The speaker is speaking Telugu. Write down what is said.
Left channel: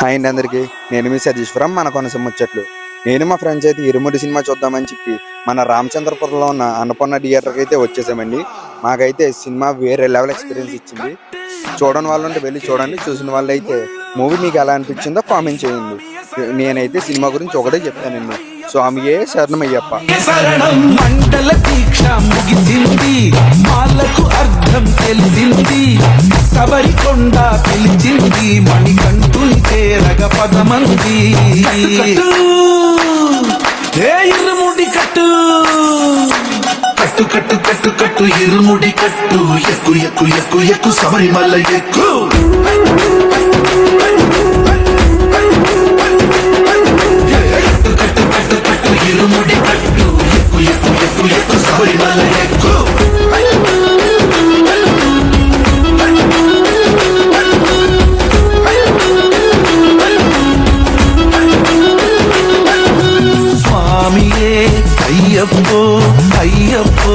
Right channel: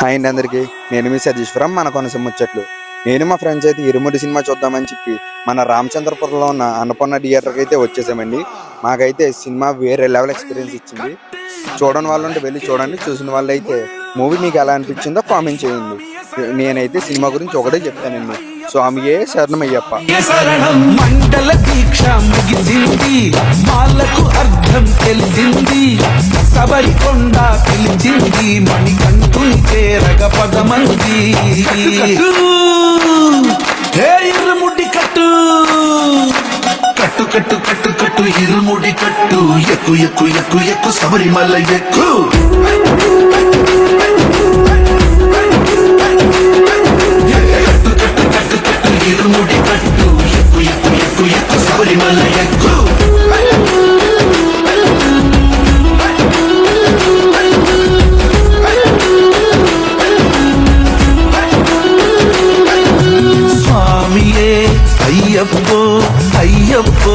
హాయ్ అండి అందరికి. నేను మీ సతీశ్వరం మన కొనసీమ ముచ్చట్లు. నేను మా ఫ్రెండ్స్ అయితే ఇరుముడి సినిమా చూద్దామని చెప్పి మన రామచంద్రపురంలో ఉన్న అన్నపూర్ణ థియేటర్కి అయితే వచ్చేసామండి. మాకైతే సినిమా వేరే లెవెల్ ఎక్స్పీరియన్స్ ఇచ్చింది. చూడని వాళ్ళు ఉంటే వెళ్ళి చూడండి, చూసిన వాళ్ళు అయితే మూవీ మీకు ఎలా అనిపించిందో కామెంట్ చేయండి. నేనైతే సినిమా గురించి ఒకటే చెప్తానండి, స్వామియే శరణమయ్యప్ప. మండల దీక్ష ముగిసింది, మాలకు అర్థం తెలిసింది, శబరికొండ పిలిచింది, మణికంఠుని చేరగ పదమంది. ఇరుముడి కట్టు కట్టు కట్టు కట్టు కట్టు ఇరుముడి కట్టు, ఎక్కు ఎక్కు ఎక్కు ఎక్కు శబరిమల ఎక్కు. ఇరుముడి కట్టు, ఎక్కు ఎక్కు ఎక్కు ఎక్కు శబరిమల ఎక్కు. స్వామియే అయ్యప్పో అయ్యప్పో.